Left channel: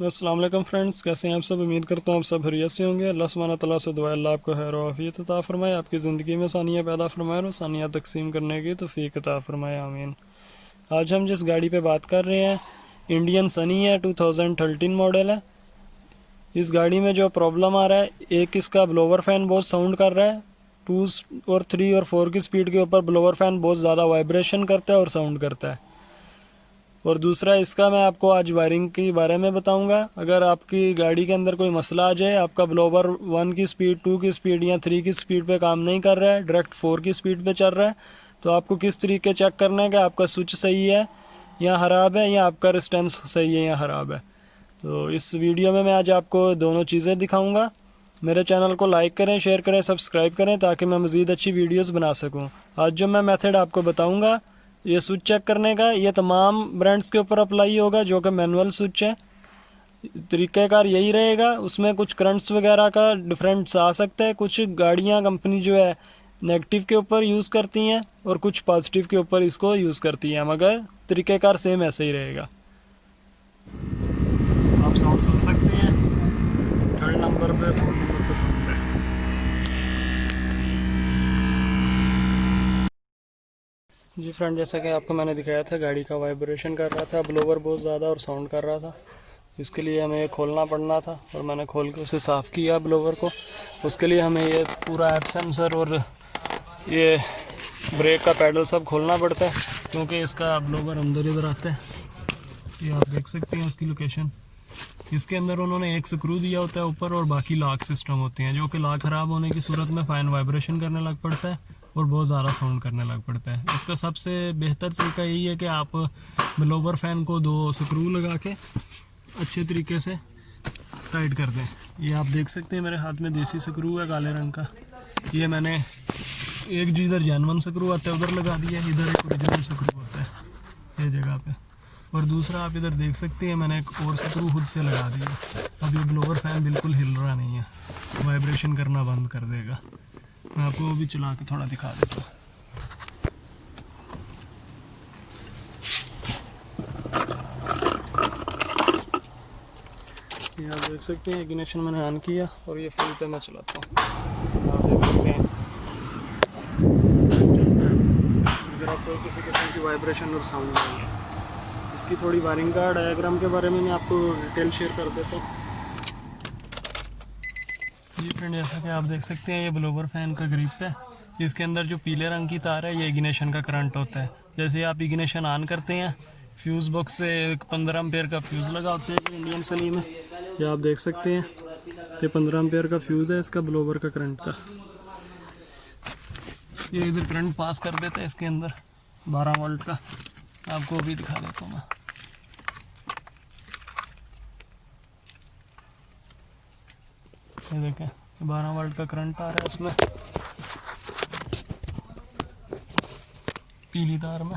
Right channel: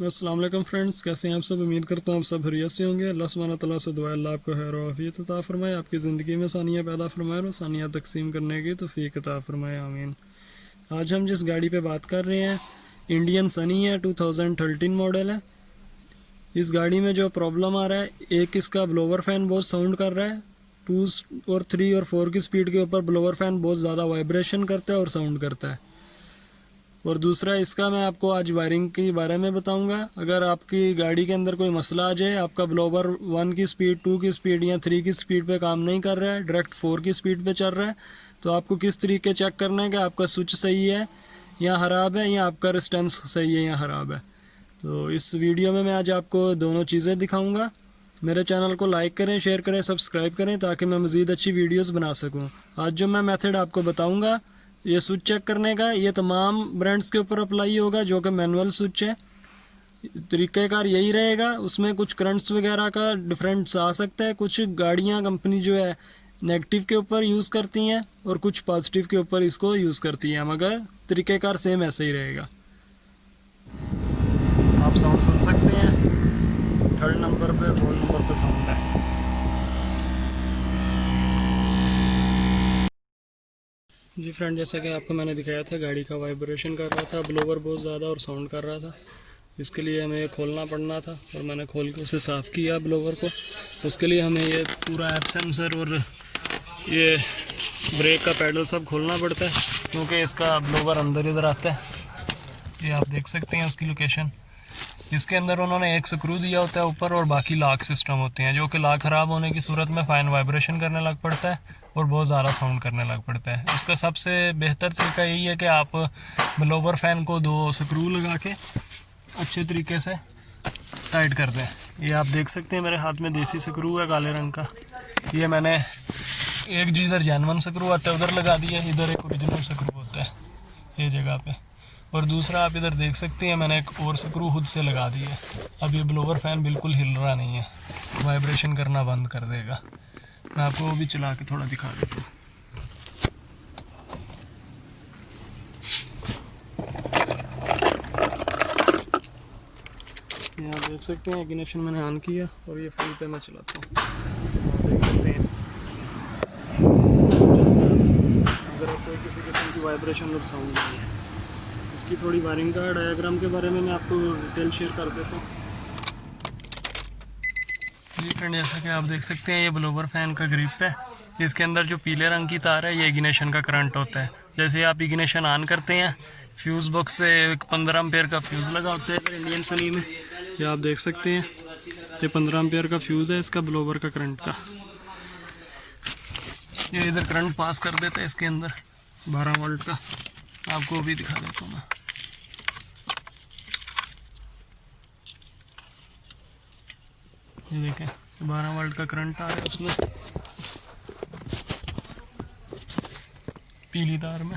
अस्सलाम वालेकुम फ्रेंड्स, कैसे हैं आप सब। उम्मीद करता हूँ आप सब खैरियत से होंगे। अल्लाह सुब्हानहू तआला से दुआ है अल्लाह आपको खैर और आफियत अता फरमाए, आपकी ज़िंदगी में आसानियाँ पैदा फरमाए और आसानियाँ तकसीम करने की तौफीक अता फरमाए, आमीन। आज हम जिस गाड़ी पे बात कर रहे हैं इंडियन सनी है, 2013 मॉडल है। इस गाड़ी में जो प्रॉब्लम आ रहा है, एक इसका ब्लोवर फ़ैन बहुत साउंड कर रहा है। 2 और 3 और 4 की स्पीड के ऊपर ब्लोवर फ़ैन बहुत ज़्यादा वाइब्रेशन करता है और साउंड करता है। और दूसरा इसका मैं आपको आज वायरिंग के बारे में बताऊंगा। अगर आपकी गाड़ी के अंदर कोई मसला आ जाए, आपका ब्लोवर 1 की स्पीड, 2 की स्पीड या 3 की स्पीड पे काम नहीं कर रहा है, डायरेक्ट 4 की स्पीड पे चल रहा है, तो आपको किस तरीके चेक करना है कि आपका स्विच सही है या ख़राब है, या आपका रेजिस्टेंस सही है या ख़राब है। तो इस वीडियो में मैं आज आपको दोनों चीज़ें दिखाऊँगा। मेरे चैनल को लाइक करें, शेयर करें, सब्सक्राइब करें ताकि मैं मज़ीद अच्छी वीडियोस बना सकूं। आज जो मैं मेथड आपको बताऊंगा, ये स्विच चेक करने का, ये तमाम ब्रांड्स के ऊपर अप्लाई होगा जो कि मैनुअल स्विच है। तरीक़ाकार यही रहेगा। उसमें कुछ करंट्स वगैरह का डिफरेंस आ सकता है। कुछ गाड़ियाँ कंपनी जो है नेगेटिव के ऊपर यूज़ करती हैं और कुछ पॉजिटिव के ऊपर इसको यूज़ करती हैं, मगर तरीक़ाकार सेम ऐसे ही रहेगा। आप साउंड सुन सकते हैं, 3rd नंबर पे, 4 नंबर पे साउंड है। जी फ्रेंड, जैसा कि आपको मैंने दिखाया था, गाड़ी का वाइब्रेशन कर रहा था, ब्लोवर बहुत ज़्यादा और साउंड कर रहा था। इसके लिए हमें खोलना पड़ना था और मैंने खोल के उसे साफ़ किया ब्लोवर को। उसके लिए हमें ये पूरा ऐप सेंसर और ये ब्रेक का पैडल सब खोलना पड़ता है, क्योंकि इसका ब्लोवर अंदर इधर आता है। ये आप देख सकते हैं उसकी लोकेशन। इसके अंदर उन्होंने एक स्क्रू दिया होता है ऊपर और बाकी लॉक सिस्टम होते हैं, जो कि लॉक ख़राब होने की सूरत में फ़ाइन वाइब्रेशन करने लग पड़ता है और बहुत ज़्यादा साउंड करने लग पड़ता है। इसका सबसे बेहतर तरीका यही है कि आप ब्लोवर फ़ैन को 2 स्क्रू लगा के अच्छे तरीके से टाइट कर दें। ये आप देख सकते हैं मेरे हाथ में देसी स्क्रू है काले रंग का। ये मैंने एक जीज़र जेनवन स्क्रू आता है उधर लगा दिया, इधर एक ओरिजिनल स्क्रू होता है ये जगह पे, और दूसरा आप इधर देख सकते हैं मैंने एक और स्क्रू खुद से लगा दिया। अब ये ब्लोवर फ़ैन बिल्कुल हिल रहा नहीं है, वाइब्रेशन करना बंद कर देगा। मैं आपको वो भी चला के थोड़ा दिखा देता हूँ। ये आप देख सकते हैं इग्निशन मैंने ऑन किया और ये फुल पे मैं चलाता हूँ। आप देख सकते हैं अगर आप कोई किसी किस्म की वाइब्रेशन और साउंड नहीं है। इसकी थोड़ी वायरिंग का डायग्राम के बारे में मैं आपको डिटेल शेयर कर देता हूँ। जी फ्रेंड, जैसा कि आप देख सकते हैं ये ब्लोवर फ़ैन का ग्रिप है। इसके अंदर जो पीले रंग की तार है, ये इग्निशन का करंट होता है। जैसे आप इग्निशन ऑन करते हैं, फ्यूज़ बॉक्स से एक 15 एम्पेयर का फ्यूज़ लगा होता है इंडियन सनी में। ये आप देख सकते हैं, ये 15 एम्पेयर का फ्यूज़ है इसका ब्लोवर का करंट का। ये इधर करंट पास कर देता है इसके अंदर 12 वोल्ट का। आपको भी दिखा देता हूँ मैं। ये देखें, 12 वोल्ट का करंट आ रहा है उसमें, पीली तार में।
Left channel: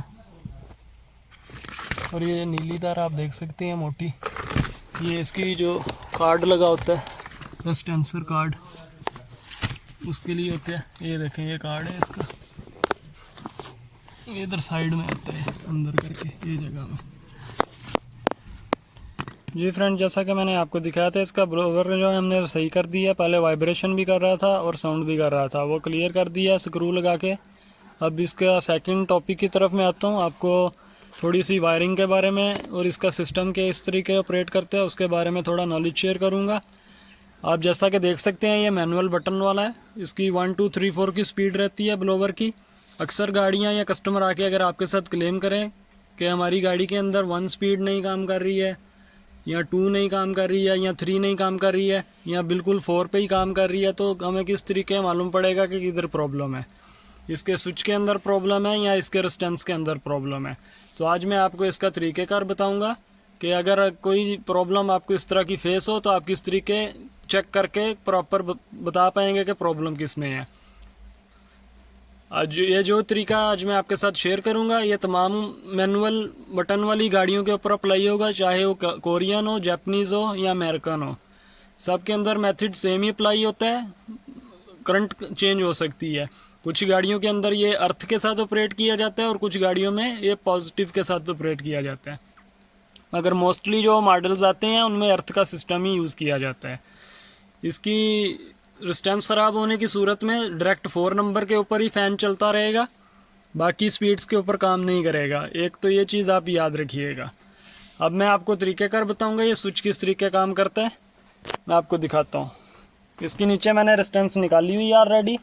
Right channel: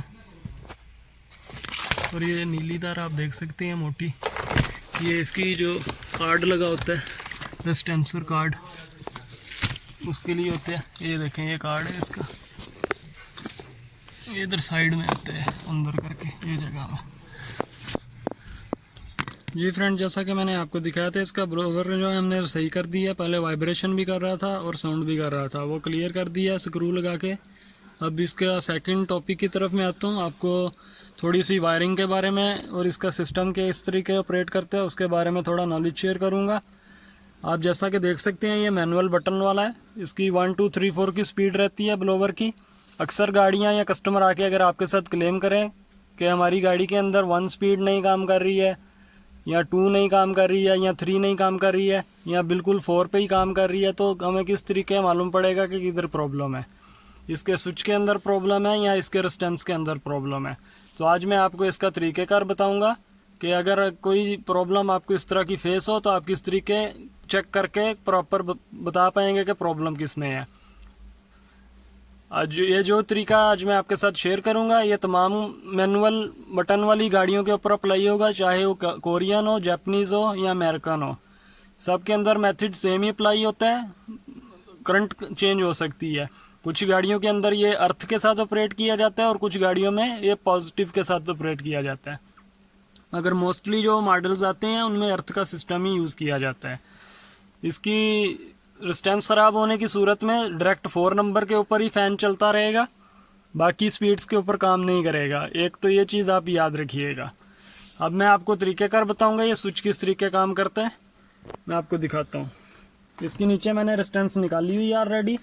और ये नीली तार आप देख सकते हैं मोटी, ये इसकी जो कार्ड लगा होता है, रेजिस्टेंसर कार्ड, उसके लिए होता है। ये देखें, ये कार्ड है इसका, ये इधर साइड में आता है अंदर करके ये जगह में। जी फ्रेंड, जैसा कि मैंने आपको दिखाया था, इसका ब्लोवर जो है हमने सही कर दिया। पहले वाइब्रेशन भी कर रहा था और साउंड भी कर रहा था, वो क्लियर कर दिया स्क्रू लगा के। अब इसका सेकंड टॉपिक की तरफ मैं आता हूँ। आपको थोड़ी सी वायरिंग के बारे में और इसका सिस्टम के इस तरीके ऑपरेट करते हैं उसके बारे में थोड़ा नॉलेज शेयर करूँगा। आप जैसा कि देख सकते हैं, ये मैनुअल बटन वाला है। इसकी 1 2 3 4 की स्पीड रहती है ब्लोवर की। अक्सर गाड़ियाँ या कस्टमर आके अगर आपके साथ क्लेम करें कि हमारी गाड़ी के अंदर 1 स्पीड नहीं काम कर रही है, या 2 नहीं काम कर रही है, या 3 नहीं काम कर रही है, या बिल्कुल 4 पे ही काम कर रही है, तो हमें किस तरीके मालूम पड़ेगा कि किधर प्रॉब्लम है। इसके स्विच के अंदर प्रॉब्लम है या इसके रेजिस्टेंस के अंदर प्रॉब्लम है। तो आज मैं आपको इसका तरीक़ेकार बताऊंगा कि अगर कोई प्रॉब्लम आपको इस तरह की फेस हो तो आप किस तरीके चेक करके प्रॉपर बता पाएंगे कि प्रॉब्लम किस में है। आज ये जो तरीका आज मैं आपके साथ शेयर करूंगा, ये तमाम मैनुअल बटन वाली गाड़ियों के ऊपर अप्लाई होगा, चाहे वो कोरियन हो, जापानीज़ हो या अमेरिकन हो। सब के अंदर मेथड सेम ही अप्लाई होता है, करंट चेंज हो सकती है। कुछ गाड़ियों के अंदर ये अर्थ के साथ ऑपरेट किया जाता है और कुछ गाड़ियों में ये पॉजिटिव के साथ ऑपरेट किया जाता है। मगर मोस्टली जो मॉडल्स आते हैं उनमें अर्थ का सिस्टम ही यूज़ किया जाता है। इसकी रेजिस्टेंस ख़राब होने की सूरत में डायरेक्ट 4 नंबर के ऊपर ही फ़ैन चलता रहेगा, बाकी स्पीड्स के ऊपर काम नहीं करेगा। एक तो ये चीज़ आप याद रखिएगा। अब मैं आपको तरीक़ेकार बताऊंगा ये स्विच किस तरीके काम करता है, मैं आपको दिखाता हूँ। इसके नीचे मैंने रेजिस्टेंस निकाली हुई है ऑलरेडी,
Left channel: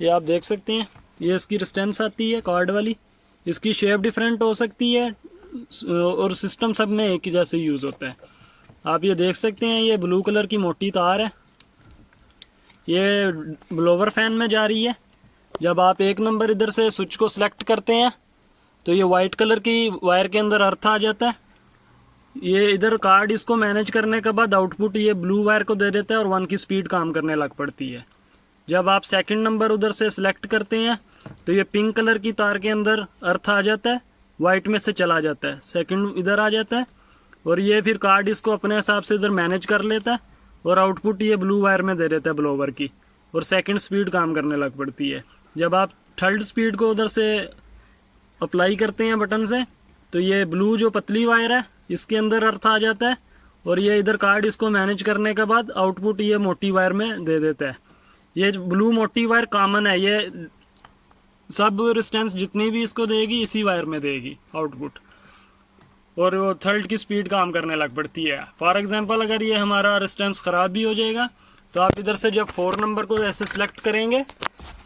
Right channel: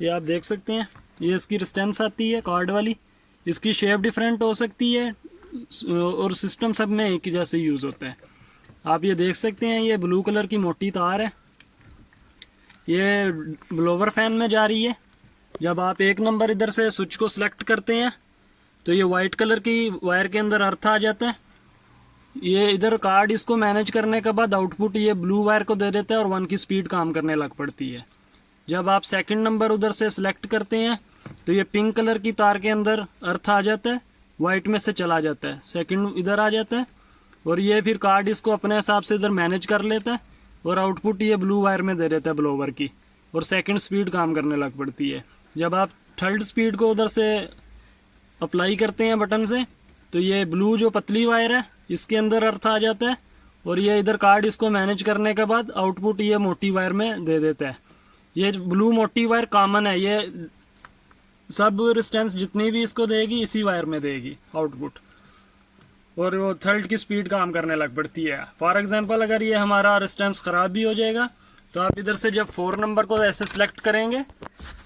ये आप देख सकते हैं। ये इसकी रेजिस्टेंस आती है कार्ड वाली। इसकी शेप डिफरेंट हो सकती है और सिस्टम सब में एक ही जैसे यूज़ होता है। आप ये देख सकते हैं, ये ब्लू कलर की मोटी तार है, ये ब्लोवर फैन में जा रही है। जब आप 1 नंबर इधर से स्विच को सिलेक्ट करते हैं तो ये वाइट कलर की वायर के अंदर अर्थ आ जाता है। ये इधर कार्ड इसको मैनेज करने के बाद आउटपुट ये ब्लू वायर को दे देता है और 1 की स्पीड काम करने लग पड़ती है। जब आप 2nd नंबर उधर से सिलेक्ट करते हैं तो ये पिंक कलर की तार के अंदर अर्थ आ जाता है, वाइट में से चला जाता है, 2nd इधर आ जाता है और ये फिर कार्ड इसको अपने हिसाब से इधर मैनेज कर लेता है और आउटपुट ये ब्लू वायर में दे देता है ब्लोवर की, और 2nd स्पीड काम करने लग पड़ती है। जब आप 3rd स्पीड को उधर से अप्लाई करते हैं बटन से तो ये ब्लू जो पतली वायर है इसके अंदर अर्थ आ जाता है और ये इधर कार्ड इसको मैनेज करने के बाद आउटपुट ये मोटी वायर में दे देता है। ये ब्लू मोटी वायर कॉमन है, ये सब रेजिस्टेंस जितनी भी इसको देगी इसी वायर में देगी आउटपुट, और वो 3rd की स्पीड काम करने लग पड़ती है। फॉर एग्जांपल अगर ये हमारा रेजिस्टेंस ख़राब भी हो जाएगा तो आप इधर से जब 4 नंबर को ऐसे सिलेक्ट करेंगे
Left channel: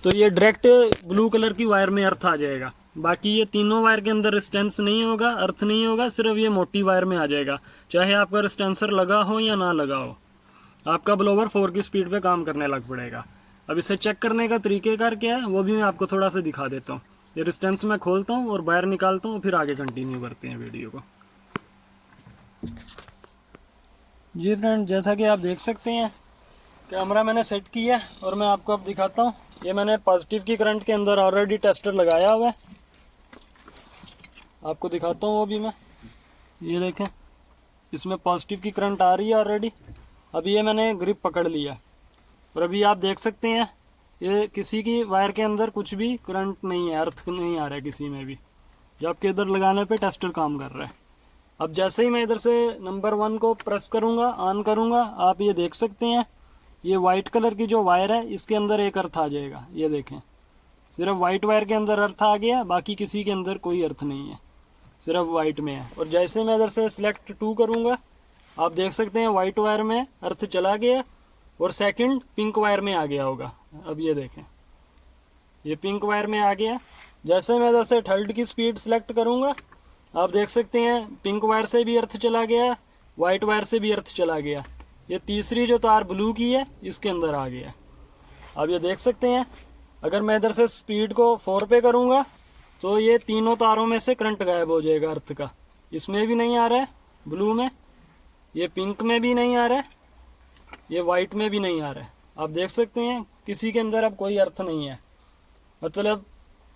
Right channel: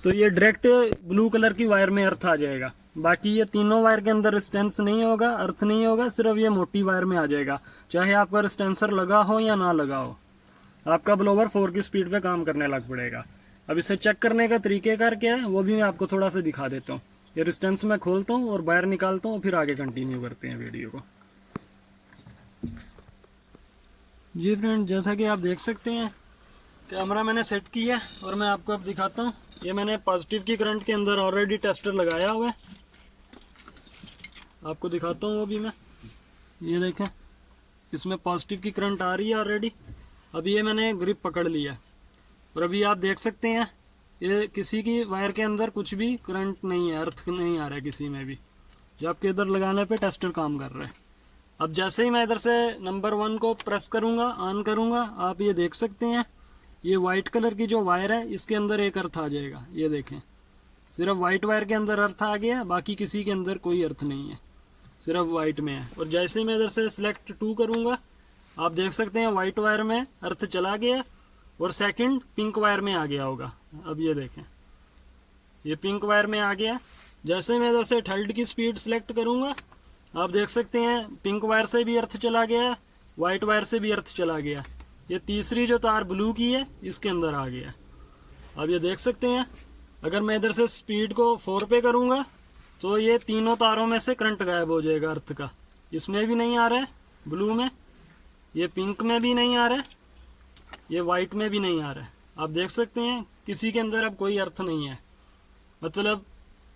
तो ये डायरेक्ट ब्लू कलर की वायर में अर्थ आ जाएगा। बाकी ये तीनों वायर के अंदर रेजिस्टेंस नहीं होगा, अर्थ नहीं होगा, सिर्फ ये मोटी वायर में आ जाएगा, चाहे आपका रेजिस्टेंसर लगा हो या ना लगा हो। आपका ब्लोवर 4 की स्पीड पे काम करने लग पड़ेगा। अब इसे चेक करने का तरीक़ेकार क्या है वो भी मैं आपको थोड़ा सा दिखा देता हूँ। ये रेजिस्टेंस मैं खोलता हूँ और वायर निकालता हूँ, फिर आगे कंटिन्यू करते हैं वीडियो को। जी फ्रेंड, जैसा कि आप देख सकते हैं कैमरा मैंने सेट किया है और मैं आपको अब दिखाता हूँ। ये मैंने पॉजिटिव की करंट के अंदर ऑलरेडी टेस्टर लगाया हुआ है, आपको दिखाता हूँ वो भी मैं। ये देखें, इसमें पॉजिटिव की करंट आ रही है ऑलरेडी। अभी ये मैंने ग्रिप पकड़ लिया और अभी आप देख सकते हैं ये किसी की वायर के अंदर कुछ भी करंट नहीं है, अर्थ नहीं आ रहा है किसी में भी, जबकि इधर लगाने पे टेस्टर काम कर रहा है। अब जैसे ही मैं इधर से नंबर 1 को प्रेस करूँगा, ऑन करूँगा, आप ये देख सकते हैं ये वाइट कलर की जो वायर है इसके अंदर एक अर्थ आ जाएगा। ये देखें, सिर्फ वाइट वायर के अंदर अर्थ आ गया, बाकी किसी के अंदर कोई अर्थ नहीं है, सिर्फ वाइट में है। और जैसे मैं इधर से सिलेक्ट 2 करूँगा, आप देख सकते हैं वाइट वायर में अर्थ चला गया और 2nd पिंक वायर में आ गया होगा। अब ये देखें, ये पिंक वायर में आ गया। जैसे मैं इधर से 3rd की स्पीड सिलेक्ट करूँगा, आप देख सकते हैं पिंक वायर से भी अर्थ चला गया, वाइट वायर से भी अर्थ चला गया। ये तीसरी जो तार ब्लू की है इसके अंदर आ गया। अब ये देख सकते हैं अगर मैं इधर से स्पीड को 4 पे करूँगा तो ये तीनों तारों में से करंट गायब हो जाएगा अर्थ का। इसमें भी नहीं आ रहा है ब्लू में, ये पिंक में भी नहीं आ रहा है, ये वाइट में भी नहीं आ रहा है। आप देख सकते हैं किसी के अंदर अब कोई अर्थ नहीं है। मतलब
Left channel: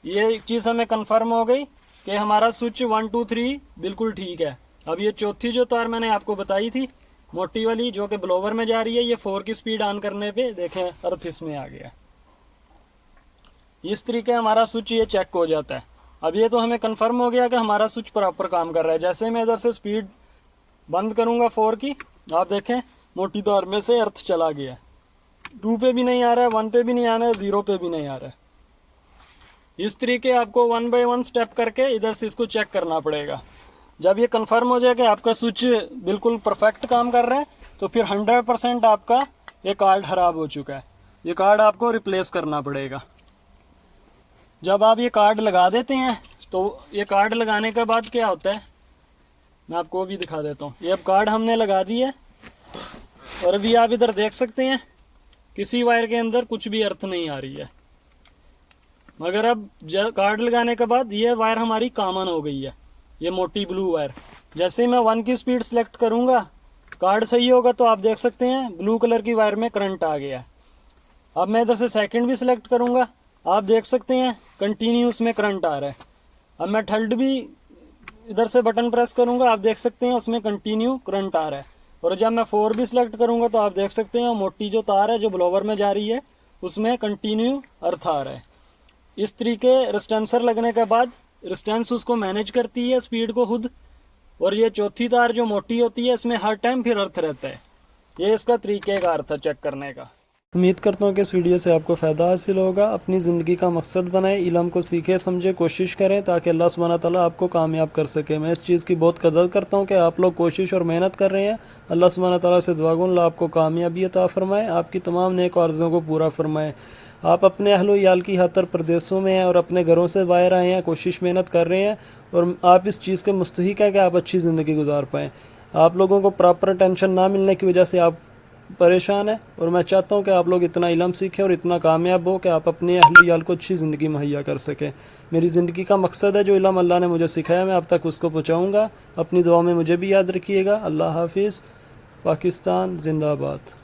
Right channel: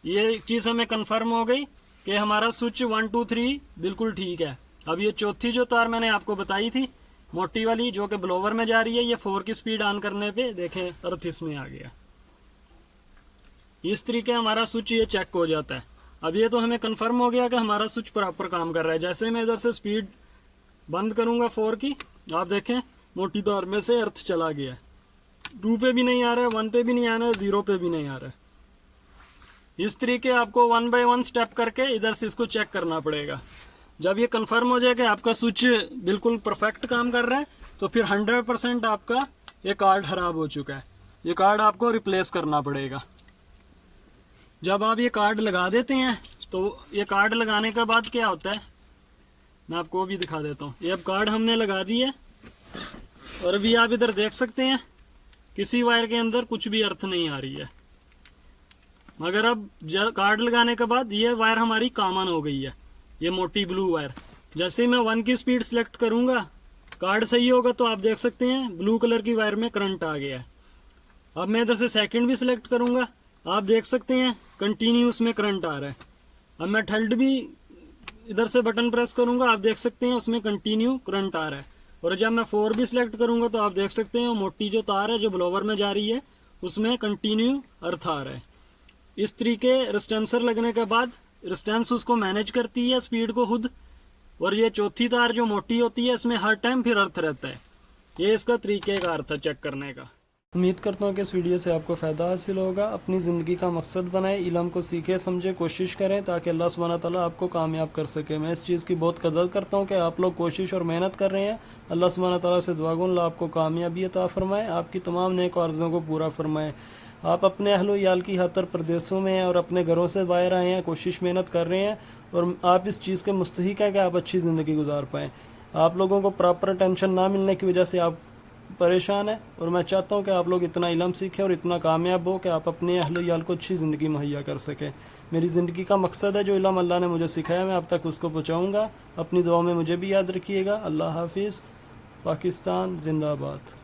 ये चीज़ हमें कंफर्म हो गई कि हमारा स्विच 1 2 3 बिल्कुल ठीक है। अब ये चौथी जो तार मैंने आपको बताई थी मोटी वाली जो कि ब्लोवर में जा रही है, ये 4 की स्पीड ऑन करने पे देखें अर्थ इसमें आ गया। इस तरीके हमारा स्विच ये चेक हो जाता है। अब ये तो हमें कंफर्म हो गया कि हमारा स्विच प्रॉपर काम कर रहा है। जैसे मैं इधर से स्पीड बंद करूंगा 4 की, आप देखें मोटी तार में से अर्थ चला गया। 2 पे भी नहीं आ रहा है, 1 पे भी नहीं आ रहा है, 0 पे भी नहीं आ रहा है। इस तरीके आपको 1 बाय 1 स्टेप करके इधर से इसको चेक करना पड़ेगा। जब ये कंफर्म हो जाए कि आपका स्विच बिल्कुल परफेक्ट काम कर रहा है तो फिर 100% आपका ये कार्ड खराब हो चुका है। ये कार्ड आपको रिप्लेस करना पड़ेगा। जब आप ये कार्ड लगा देते हैं तो ये कार्ड लगाने के बाद क्या होता है मैं आपको भी दिखा देता हूँ। ये अब कार्ड हमने लगा दी है और अभी आप इधर देख सकते हैं किसी वायर के अंदर कुछ भी अर्थ नहीं आ रही है। मगर अब कार्ड लगाने के बाद ये वायर हमारी कॉमन हो गई है, ये मोटी ब्लू वायर। जैसे ही मैं 1 की स्पीड सेलेक्ट करूंगा, कार्ड सही होगा तो आप देख सकते हैं ब्लू कलर की वायर में करंट आ गया है। अब मैं इधर से 2nd भी सिलेक्ट करूंगा, आप देख सकते हैं कंटिन्यू उसमें करंट आ रहा है। अब मैं 3rd भी इधर से बटन प्रेस करूंगा, आप देख सकते हैं उसमें कंटिन्यू करंट आ रहा है। और जब मैं 4 भी सिलेक्ट करूंगा तो आप देख सकते हैं मोटी जो तार है जो ब्लोवर में जा रही है उसमें कंटिन्यू अर्थ आ रहा है। इस तरीके रेजिस्टेंसर लगने के बाद रेजिस्टेंस उसको मैनेज करती है स्पीड को खुद, और ये चौथी तार जो मोटी होती है इसमें हर टाइम फिर अर्थ रहता है। ये इसका तरीक़ेकार था चेक करने का। उम्मीद करता हूँ कि इस वीडियो से आपको फ़ायदा हासिल होगा। अपनी ज़िंदगी का मकसद बनाएं, इल्म को सीखें समझें, कोशिश करें ताकि अल्लाह सुब्हानहू तआला आपको कामयाब कर सके। मैं इस चीज़ की बहुत कदर करता हूँ कि आप लोग कोशिश और मेहनत कर रहे हैं। अल्लाह सुब्हानहू तआला से दुआ गो अल्लाह आपको कामयाबी अता फरमाए, आपकी तमाम नेक आरज़ुओं को पूरा फरमाए। आप अपने अहलो याल की खातिर प्रदेशों में हैं और अपने घरों से बाहर आए हैं, कोशिश मेहनत कर रहे हैं और आप इस चीज़ के मुस्तहिक हैं कि आप अच्छी ज़िंदगी गुजार पाएँ। आप लोगों को प्रॉपर अटेंशन ना मिलने की वजह से आप परेशान है और मैं चाहता हूँ कि आप लोग इतना इल्म सीखें और इतना कामयाब हो कि आप अपने अहले याल को अच्छी ज़िंदगी मुहैया कर सकें। मेरी ज़िंदगी का मकसद है, जो इल्म अल्लाह ने मुझे सिखाया मैं अब तक उसको पहुँचाऊँगा। अपनी दुआ में मुझे भी याद रखिएगा। अल्लाह हाफिज़। पाकिस्तान जिंदाबाद।